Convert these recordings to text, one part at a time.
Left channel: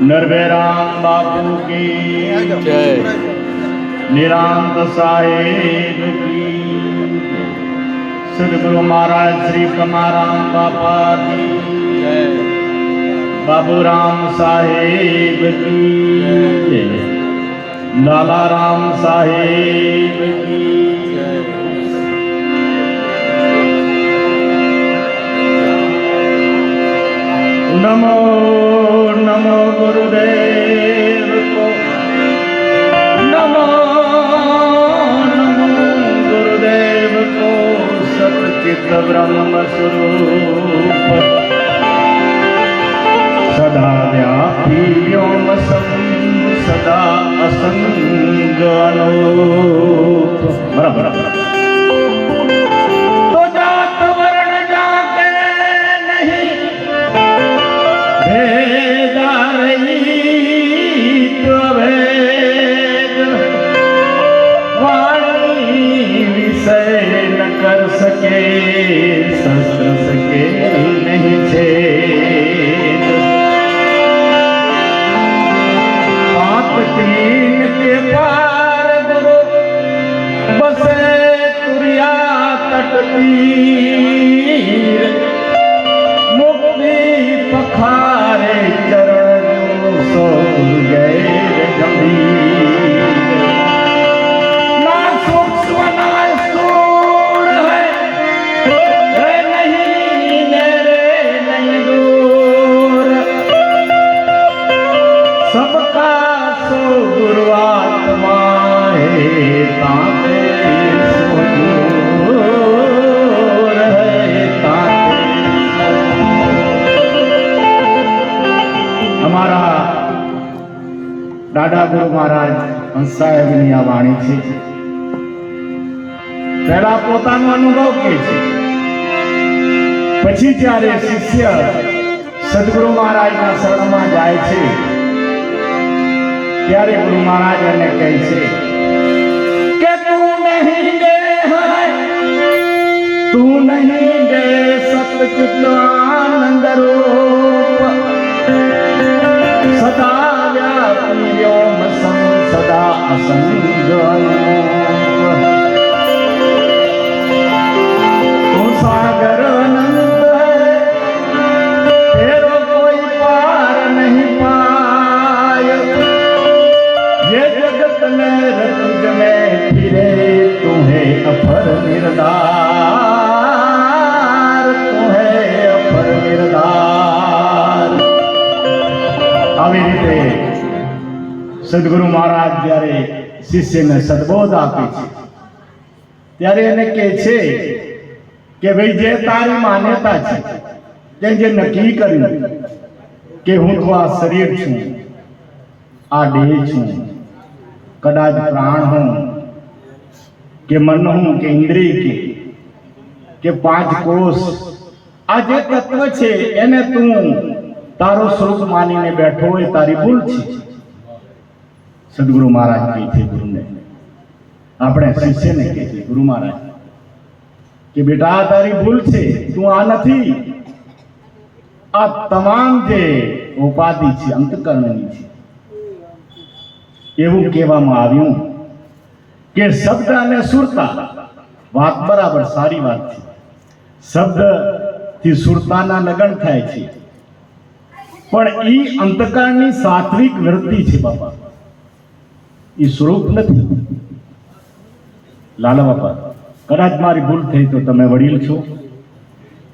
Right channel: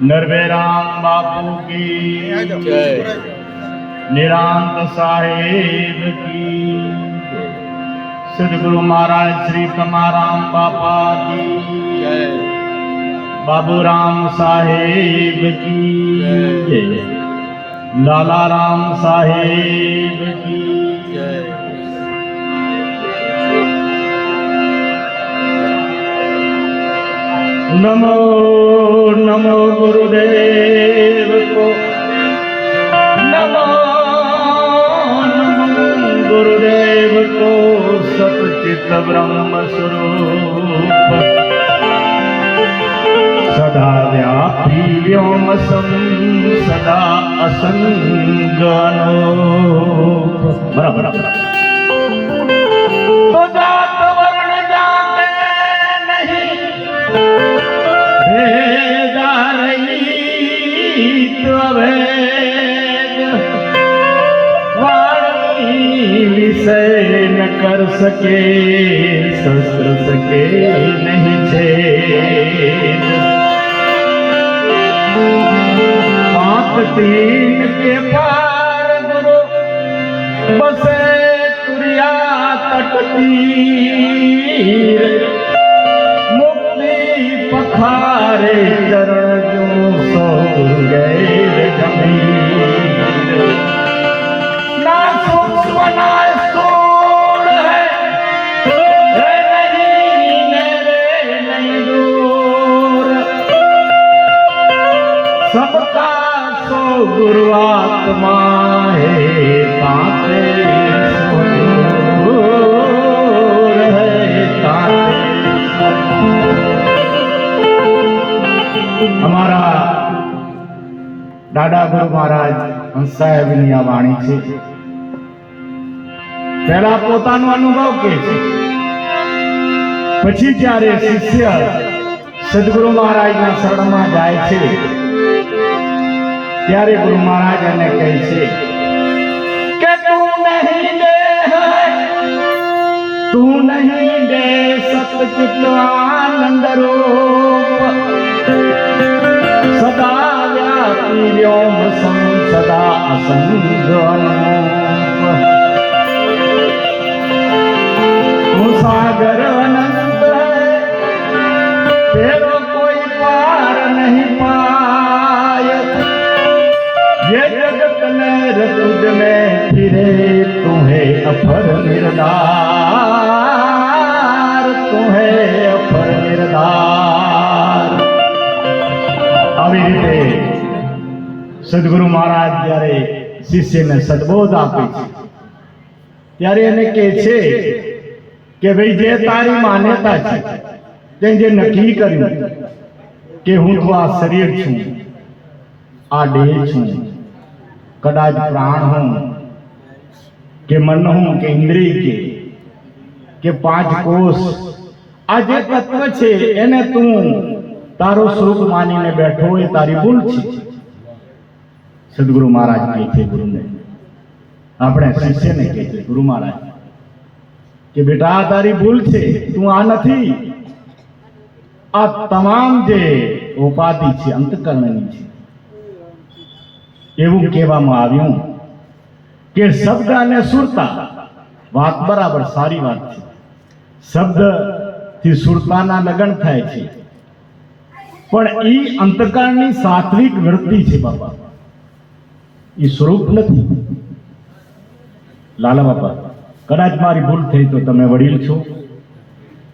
नरवेराम बापू की जय। निरांत साहेब की, सदगुरु महाराज श्री कमाराम बापा की जय। बाबूराम साहेब की जय। लाला राम साहेब की जय। नमो नमो गुरुदेव को, नमो नमो गुरुदेव को। सच्चित ब्रह्म स्वरूप सदा व्यापी व्योम सदा असंग अनूप। बराबर तो जात वर्ण जाते नहीं भेदा रहित अभेद, वाणी विषय न कर सके शस्त्र सके नहीं छेद। पाक तीन के पार गुरु बसे तुरिया तट तीर, पखारे चरण सो गए गंभीर। ना सूक्ष्म ना स्थूल है नहीं मेरे नहीं दूर, सबका सो गुरु आत्मा है ताते सो दूर है ताते। हमारा दादा गुरु महाराज हंस साहेबની આ વાણી છે। પહેલા પોતાનો અનુભવ કહે છે, પછી જ્યારે શિષ્ય સદગુરુ મહારાજના શરણમાં જાય છે ત્યારે ગુરુ મહારાજ એને કહે છે કે તું નહીં દે સતચિત આનંદ રૂપ, सदा व्यापी व्योम सदा असंग अनूप। तू सागर अनंत है तेरो कोई पार नहीं पाय, ये जगत लहर तुझ में फिरे तुम्हें अपर निर्धार, तुम्हें अपर निर्धार। આવી રીતે સદગુરુ મહારાજ જ્યારે શિષ્યને સદબોધ આપે છે ત્યારે એને કહે છે કે ભાઈ જે તારી માન્યતા છે તે જે નક્કી કર્યું કે હું તો આ શરીર છું, આ દેહ છું, કદાચ પ્રાણ હું કે મન હું કે ઇન્દ્રિય કે પાંચ કોષ, આ જે તત્વ છે એને તું તારો સ્વરૂપ માનીને બેઠો હોય તારી ભૂલ છે। સદગુરુ મહારાજ કહે છે ગુરુને, આપણે શિષ્યને કહે છે ગુરુ મહારાજ કે બેટા તારી ભૂલ છે, તું આ નથી। આ તમામ જે ઉપાધિ છે અંતકરણની છે। એવું કહેવામાં આવ્યું કે શબ્દ અને સુરતા, વાત બરાબર સારી વાત છે, શબ્દથી સુરતાના લગન થાય છે, પણ એ અંતકાળની સાત્વિક વૃત્તિ છે બાપા, એ સ્વરૂપ નથી। લાલા બાપા કદાચ મારી ભૂલ થઈ તો તમે વડીલ છો,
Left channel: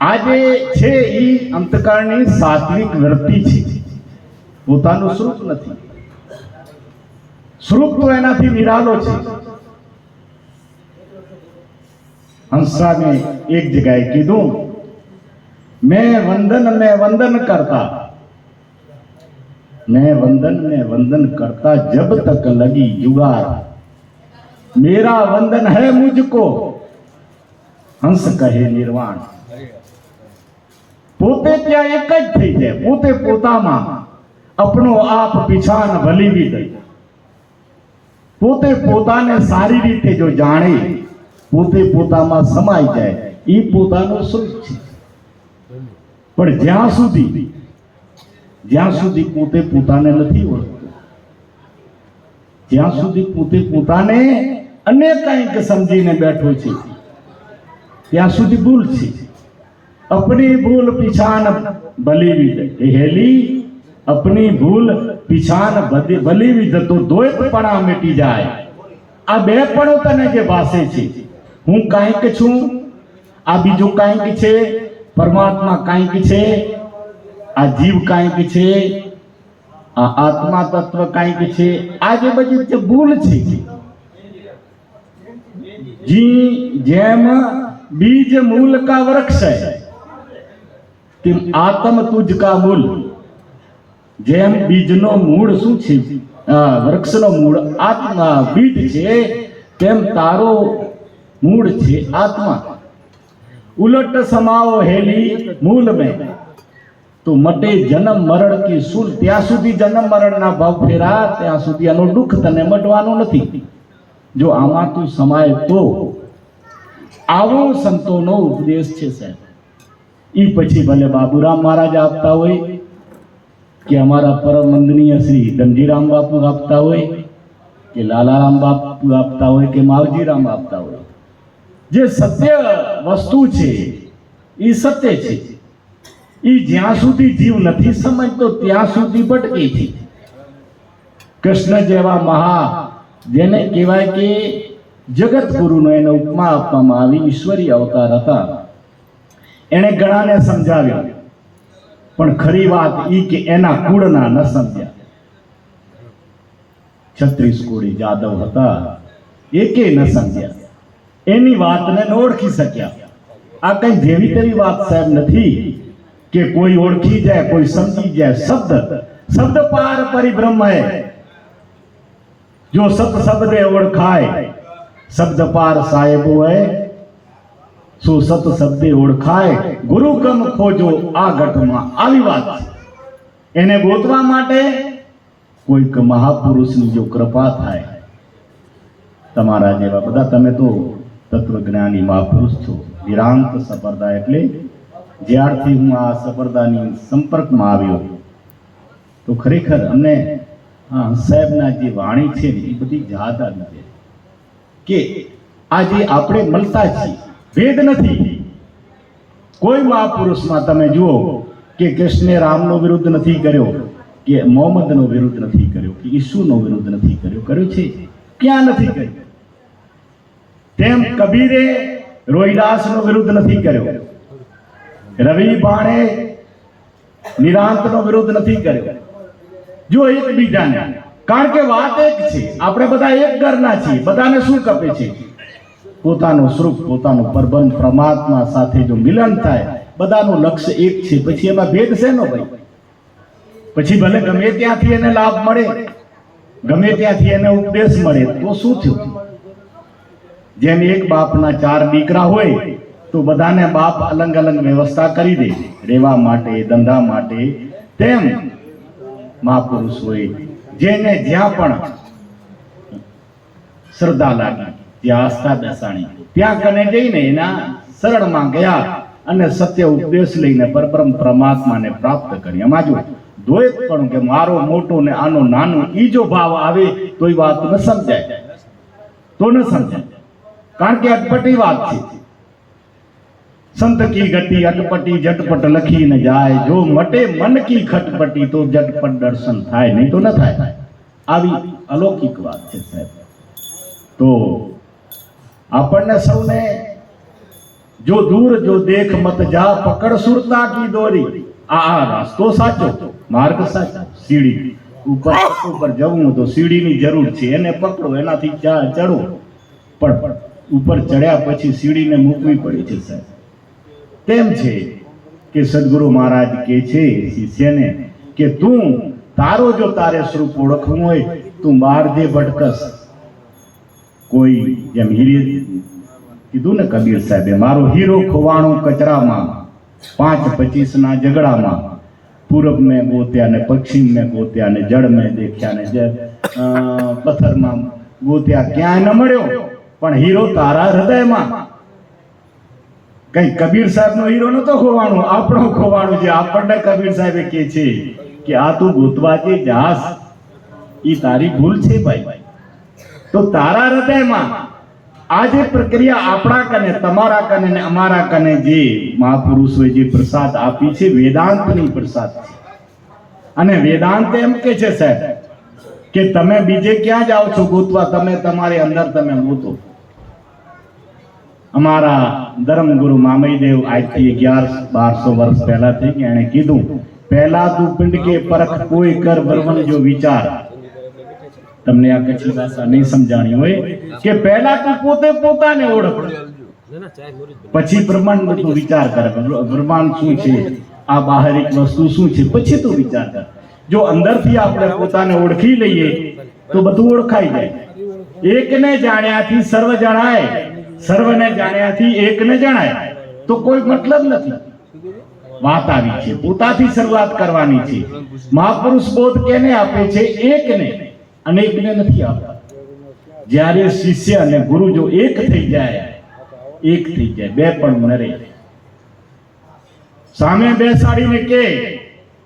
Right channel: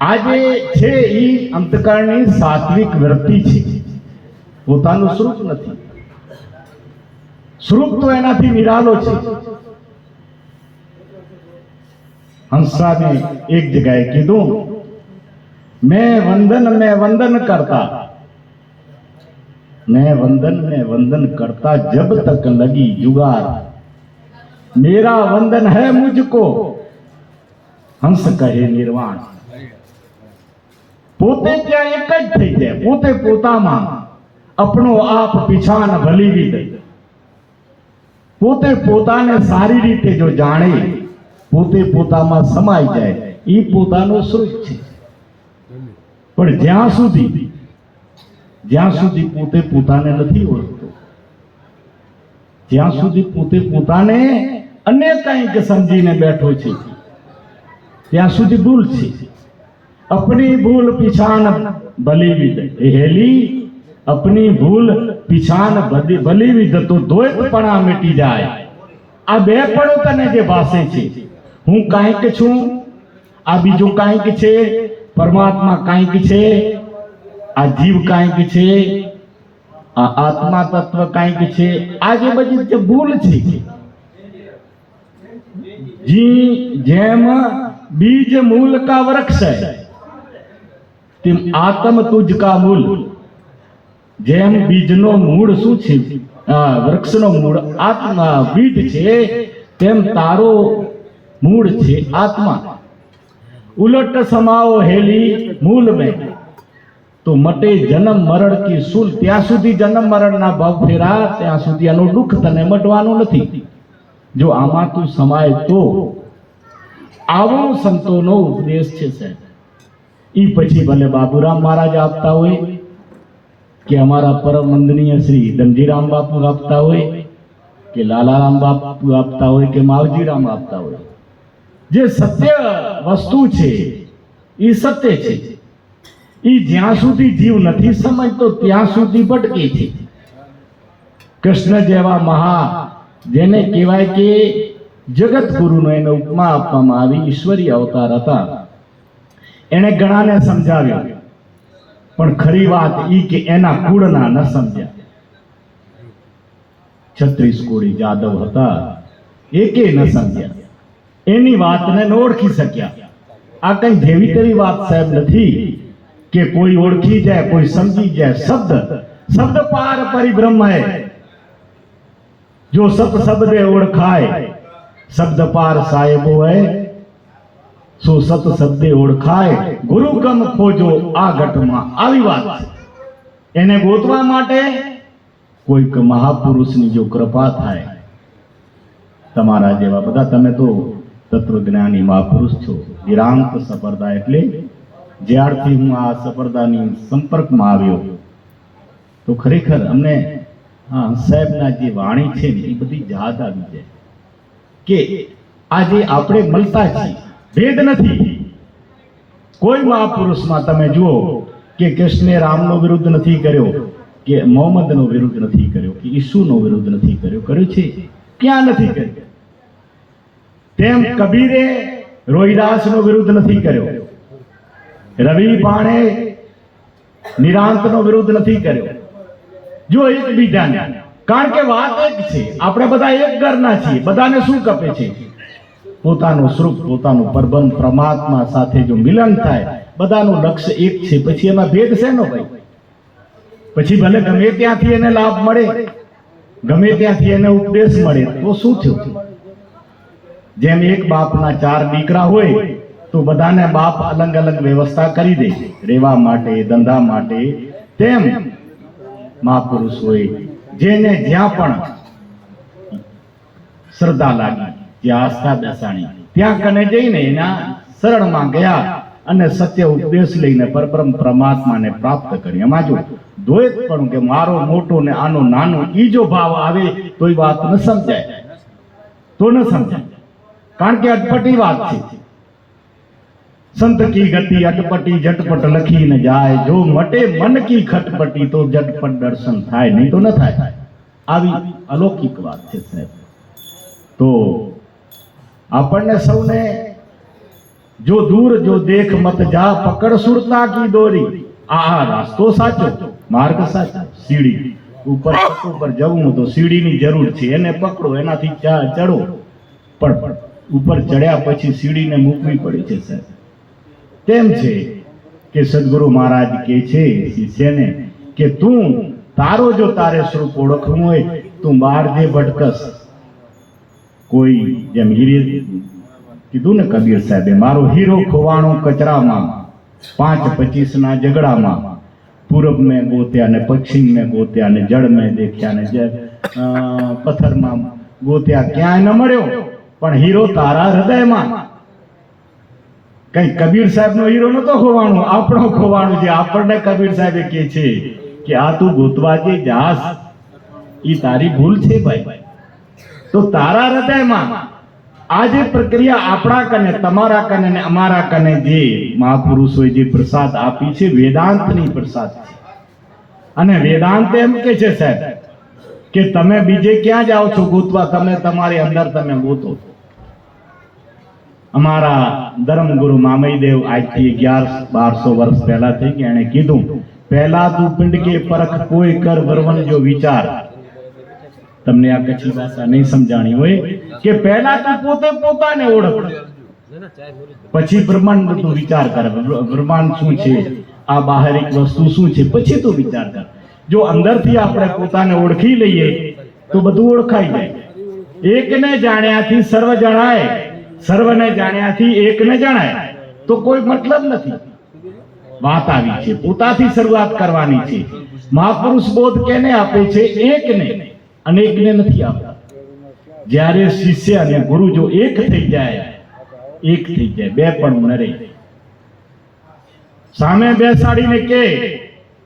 આ જે છે એ અંતકાળની સાત્વિક વૃત્તિ છે, પોતાનું સ્વરૂપ નથી। સ્વરૂપ તો એનાથી નિરાલો છે। હંસાને એક જગ્યાએ કીધું, મેં વંદન કરતા, मैं वंदन में वंदन करता जब तक लगी जुगार, मेरा वंदन है मुझको हंस कहे निर्वाण। પોતે ત્યાં એક જ થઈ જાય, પોતે પોતામાં આપણો આપ પીછાન ભલી વિદ, પોતે પોતાને સારી રીતે જો જાણે, પોતે પોતામાં સમાઈ જાય, એ પોતાનું સ્વરૂપ છે। પણ જ્યાં સુધી જ્યાં સુધી પોતે પોતાને નથી ઓળખતો, જ્યાં સુધી પોતે પોતાને અન્ય કંઈક સમજીને બેઠો છે, ત્યાં સુધી ભૂલ છે. अपनी भूल पिछान भली विद हेली, अपनी भूल पिछान भली विद तो द्वैतपणा मिटी જાય. આ બે પણો તને જે ભાસે છે, હું કાંઈક છું, આ બીજું કાંઈક છે, પરમાત્મા કાંઈક છે, આ જીવ કાંઈક છે, આ આત્મા તત્વ કાંઈક છે, આ જે બધી જે ભૂલ છે, જી જેમ बीज मूल का वृक्ष है तेम आत्म तुझ का मूल. જેમ બીજનો મૂળ શું છે, વૃક્ષનો મૂળ આત્મા બીજ છે, તેમ તારો મૂળ છે આત્મા. ઉલટ સમાઓ હેલી મૂલ में તો મટે જન્મ મરણ કી સૂલ. ત્યાં સુધી જન્મ મરણના ભાવ ફેરા, ત્યાં સુધી આનું દુઃખ તને મટવાનું નથી. જો આમાં તું સમાય તો આવો સંતોનો ઉપદેશ છે સાહેબ. ઈ પછી ભલે બાબુરામ મહારાજ આપતા હોય કે અમારા પરમ વંદનીય શ્રી ધનજીરામ બાપુ આપતા હોય કે લાલારામ બાપુ આપતા હોય કે માવજીરામ આપતા હોય, જે સત્ય વસ્તુ છે એ સત્ય છે. એ જ્યાં સુધી જીવ નથી સમજતો ત્યાં સુધી ભટકે છે. કૃષ્ણ જેવા મહા, જેને કહેવાય કે જગત ગુરુનો એને ઉપમા આપવામાં આવી, ઈશ્વરી અવતાર હતા, એને ઘણાને સમજાવ્યા, પણ ખરી વાત ઈ કે એના કુળના ન સમજ્યા. 36 કોડી જાદવ હતા, એકે ન સમજ્યા, એની વાતને ન ઓળખી શક્યા. આ કઈ જેવી તેવી વાત સાહેબ નથી કે કોઈ ઓળખી જાય, કોઈ સમજી જાય. શબ્દ પાર પરિબ્રહ્મ હૈ, જો સત શબ્દે ઓળખાય, શબ્દ પાર સાહેબો હૈ, સો સત શબ્દે ઓળખાય, ગુરુ ગમ ખોજો આ ઘટમાં. આવી વાત છે. એને ગોતવા માટે કોઈક મહાપુરુષની જો કૃપા થાય, તમારા જેવા બધા, તમે તો તત્વજ્ઞાની મહાપુરુષ છો. વિરાંત સફરદા એટલે જ્યારથી હું આ સફરદાની સંપર્કમાં આવ્યો તો ખરેખર અમને સાહેબના જે વાણી છે ને એ બધી યાદ આવી જાય કે આજે આપણે મળતા છીએ, ભેદ નથી. કોઈ મહાપુરુષમાં તમે જુઓ કે કૃષ્ણે રામનો વિરુદ્ધ નથી કર્યો, કે મોહમ્મદનો વિરુદ્ધ નથી કર્યો, કે ઈસુનો વિરુદ્ધ નથી કર્યો. કર્યો છે? ક્યાં નથી કર્યો? તેમ કબીરે રોહિદાસનો વિરુદ્ધ નથી કર્યો, રવિ પાણે નિરાંતનો વિરુદ્ધ નથી કર્યો. જો એકબીજાને, કારણ કે વાત એક છે, આપણે બધા એક ઘરના છીએ. બધાને શું કપે છે? પોતાનો સ્વરૂપ, પોતાનું પરબ્રહ્મ પરમાત્મા સાથે જો મિલન થાય, બધાનું લક્ષ્ય એક છે. પછી એમાં ભેદ શેનો ભાઈ? પછી ભલે ગમે ત્યાંથી એને લાભ મળે, ગમે ત્યાંથી એને ઉપદેશ મળે, તો શું થયું? જેમ એક બાપના 4 દીકરા હોય તો બધાને બાપ અલગ અલગ વ્યવસ્થા કરી દે રહેવા માટે, ધંધા માટે. તેમ મહાપુરુષ હોય, જેને જ્યાં પણ શ્રદ્ધા લાગી, ત્યાં આસ્થા બેસાણી, ત્યાં કને જઈને એના શરણમાં ગયા અને સત્ય ઉપદેશ લઈને પરબ્રહ્મ પરમાત્માને પ્રાપ્ત કરી. એમાં જો દ્વૈત પણ કે મારો મોટો ને આનો નાનો, ઈ જો ભાવ આવે તો એ વાત ન સમજાય, તો ન સમજાય. કારણ કે અટપટી વાત છે. સંત કી ગતિ અટપટી ઝટપટ લખી ન જાય, જો મટે મન કી ખટપટી તો ઝટપટ દર્શન થાય, નહીં તો ન થાય. આવી અલૌકિક વાત છે સાહેબ. તો આપણને સૌને જો દૂર જો દેખ મત જા, પકડ સુરતા કી દોરી. આ રાસ્તો સાચો, માર્ગ સાચો. સીડી ઉપર જવું તો સીડીની જરૂર છે, એને પકડો, એનાથી ચડો. પણ ઉપર ચડ્યા પછી સીડીને મૂકવી પડી છે સાહેબ. કેમ છે કે સદગુરુ મહારાજ કહે છે શિષ્યને કે તું તારો જો તારે સ્વરૂપ ઓળખવું હોય, તું બહાર જે ભટકસ. કોઈ જેમ હીરે કીધું ને કબીર સાહેબે, મારો હીરો ખોવાણો કચરામાં, 5-25 ના ઝઘડામાં, પૂરબ મેં ગોત્યા ને પશ્ચિમ મેં ગોત્યા ને જળ મેં દેખ્યા ને પથ્થરમાં ગોત્યા, ક્યાંય ન મળ્યો, પણ હીરો તારા હૃદયમાં. કઈ કબીર સાહેબ નો હીરો નતો ખોવાનો, આપણો ખોવાનો છે. આપણને કબીર સાહેબે કહે છે કે આ તું ગોતવા જે જાસ એ તારી ભૂલ છે ભાઈ. તો તારા હૃદયમાં આ જે પ્રક્રિયા આપણા કને, તમારા કને ને અમારા કને જે મહાપુરુષોએ જે પ્રસાદ આપી છે, વેદાંતની પ્રસાદ છે. અને વેદાંત એમ કે છે સાહેબ કે તમે બીજે ક્યાં જાઓ છો ગોતવા, તમે તમારી અંદર તમે ગોતો. અમારા ધર્મગુરુ મામઈદેવ આજથી 1100-1200 વર્ષ પહેલા થઈ ગયા, એણે કીધું પહેલા તું પિંડ કે પરખ કોઈ કર બરવન જો વિચાર. તમને આ કચ્છી ભાષા નહીં સમજાણી હોય કે પહેલા તું પોતે પોતાને ઓળખ, પછી બ્રહ્માંડ તું વિચાર કર. બ્રહ્માંડ શું છે, આ બાહરિક વસ્તુ શું છે, પછી તું વિચાર કર. જો અંદરથી આપણે પોતાને ઓળખી લઈએ તો બધું ઓળખાઈ જાય. એકને જાણ્યાથી સર્વ જણાય, સર્વને જાણ્યાથી એકને જણાય. તો કોઈ મતલબ નથી. વાત આવી છે, પોતાથી શરૂઆત કરવાની છે. મહાપુરુષ બોધ કેને આપે છે? એકને, અનેકને નથી આપતા. જ્યારે શિષ્ય અને ગુરુ જો એક થઈ જાય, એક થઈ જાય, બે પણ ન રહે. સામે બેસાડીને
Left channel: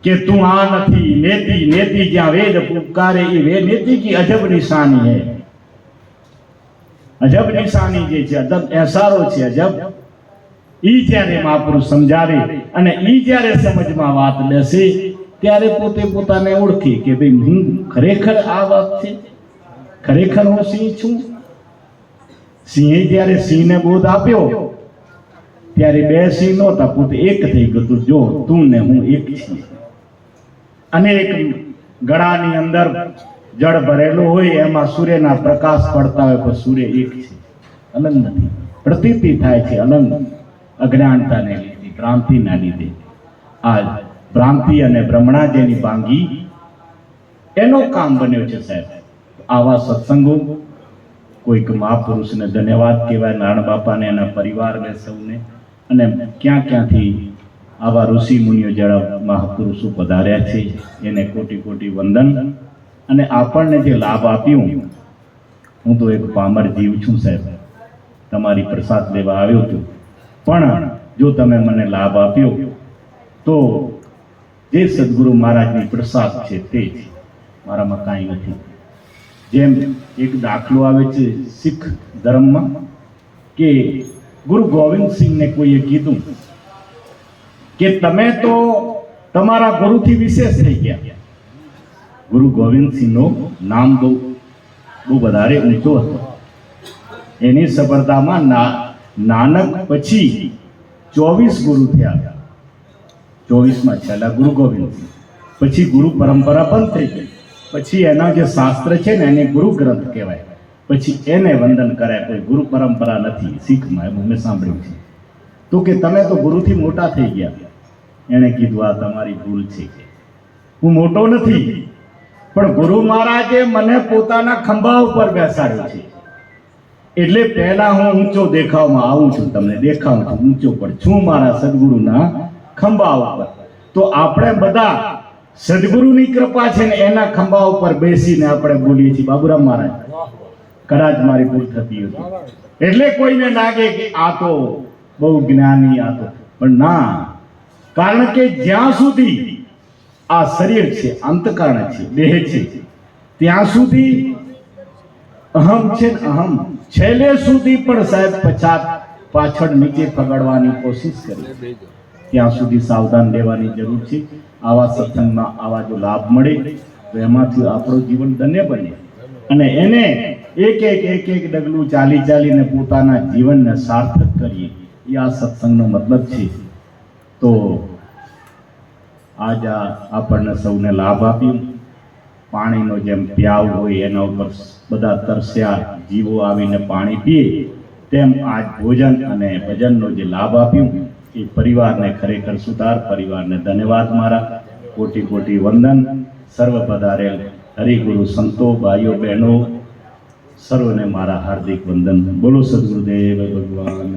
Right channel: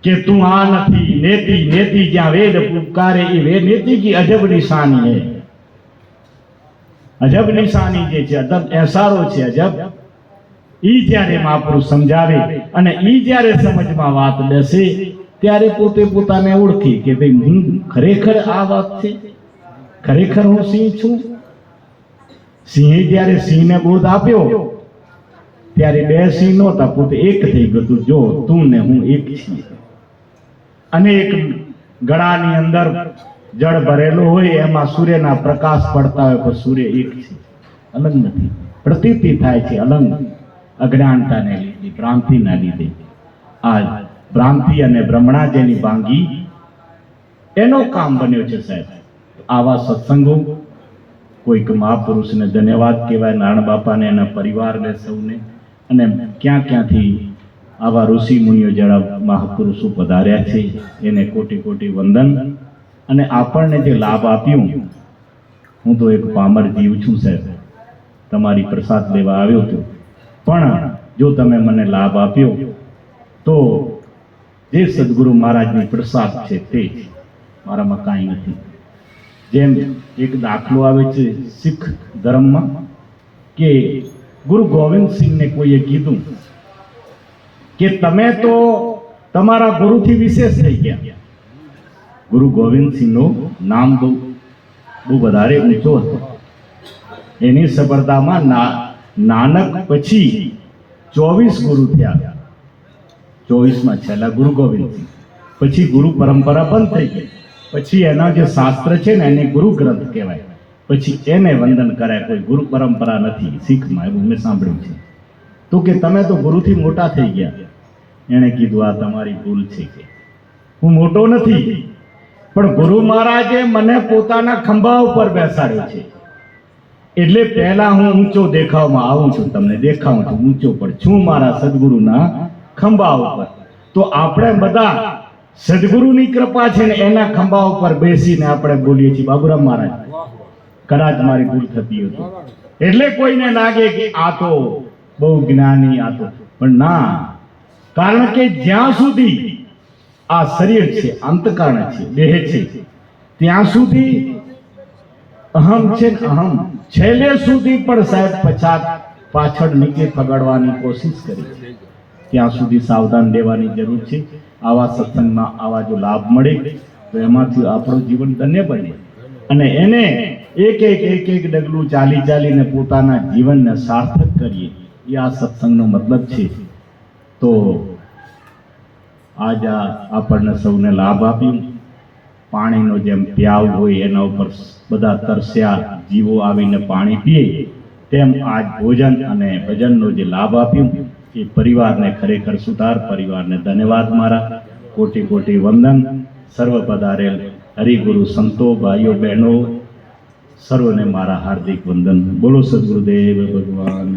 કે તું આ નથી, નેતિ નેતિ જ્યાં વેદ પુકારે એ વે નેતિ કી અજબ નિશાની હૈ. અજબ નિશાની જે છે, અજબ એસારો છે, અજબ. ઈ જ્યારે મહાપુરુષ સમજાવે અને ઈ જ્યારે સમજમાં વાત બેસે ત્યારે પોતે પોતાને ઓળખે કે ભાઈ હું ખરેખર આ વાત છે, ખરેખર હું સિંહ છું. સિંહે જ્યારે સિંહને બોધ આપ્યો ત્યારે બે સિંહ નહોતા, પોતે એક થઈ ગયું. જો તું ને હું એક છીએ. અને એક ગળાની અંદર જળ ભરેલો હોય, એમાં સૂર્યના પ્રકાશ પડતા હોય, પણ સૂર્ય એક છે, અલગ નથી. પ્રતીતિ થાય છે અલગ, અજ્ઞાનતાને લીધે, ભ્રાંતિના લીધે. આ ભ્રાંતિ અને ભ્રમણા જેની ભાંગી એનો કામ બન્યો છે સાહેબ. આવા સત્સંગો કોઈક મહાપુરુષને ધન્યવાદ કહેવાય, નારાયણ બાપાને, એના પરિવારને, સૌને. અને ક્યાં ક્યાંથી આવા ઋષિ મુનિઓ જેવા મહાપુરુષો પધાર્યા છે એને કોટી કોટી વંદન. અને આપણને જે લાભ આપ્યું, હું તો એક પામર જીવ છું સાહેબ, તમારી પ્રસાદ લેવા આવ્યો હતો, પણ જો તમે મને લાભ આપ્યો તો જે સદગુરુ મહારાજની પ્રસાદ છે તે મારામાં કાંઈ નથી. જેમ એક દાખલો આવે છે શીખ ધર્મમાં કે ગુરુ ગોવિંદ સિંહને કોઈએ કીધું કે તમે તો તમારા ગુરુથી વિશેષ થઈ ગયા. ગુરુ ગોવિંદ સિંહનું નામ બહુ વધારે ઊંચો હતો. એની સફળતામાં નાનક પછી 24 ગુરુ થયા. 24માં છેલ્લા ગુરુ ગોવિંદ સિંહ. પછી ગુરુ પરંપરા બંધ થઈ ગઈ. પછી એના જે શાસ્ત્ર છે ને એને ગુરુ ગ્રંથ કહેવાય. પછી એને વંદન કરાય. કોઈ ગુરુ પરંપરા નથી શીખમાં, એવું મેં સાંભળ્યું છે. તો કે તમે તો ગુરુથી મોટા થઈ ગયા. એણે કીધું આ તમારી ભૂલ છે, હું મોટો નથી, પણ ગુરુ મહારાજે મને પોતાના ખંભા ઉપર બેસાડ્યો છે. એટલે પહેલા હું ઊંચો દેખાવમાં આવું છું, તમને દેખાઉં છું ઊંચો, પણ છું મારા સદગુરુના ખંભા ઉપર. તો આપણે બધા સદગુરુની કૃપા છે ને એના ખંભા ઉપર બેસીને આપણે બોલીએ છીએ બાબુરામ મહારાજ, કદાચ મારી ભૂલ થતી હતી. એટલે કોઈને લાગે કે આ તો બહુ જ્ઞાની, આ તો, પણ ના. કારણ કે જ્યાં સુધી આ શરીર છે, અંતકરણ છે, દેહ છે, ત્યાં સુધી અહમ છે ને અહમ. છેલ્લે સુધી પણ સાહેબ પાછળ નીચે પગડવાની કોશિશ કરી. ત્યાં સુધી સાવધાન રહેવાની જરૂર છે. આવા સત્સંગમાં આવા જો લાભ મળે તો એમાંથી આપણું જીવન ધન્ય બને. અને એને એક ડગલું ચાલીને પોતાના જીવનને સાર્થક કરીએ, એ આ સત્સંગનો મતલબ છે. તો આજ આપણને સૌને લાભ આપ્યું. પાણીનો જેમ પ્યાવ હોય એના ઉપર બધા તરસ્યા જીવો આવીને પાણી પીએ, તેમ આજ ભોજન અને ભજનનો જે લાભ આપ્યું એ પરિવારને ખરેખર સુધાર. પરિવારને ધન્યવાદ મારા, કોટી કોટી વંદન. સર્વ પધારેલ હરિગુરુ સંતો, ભાઈઓ બહેનો, સર્વને મારા હાર્દિક વંદન. બોલો સદગુરુદેવ ભગવાન.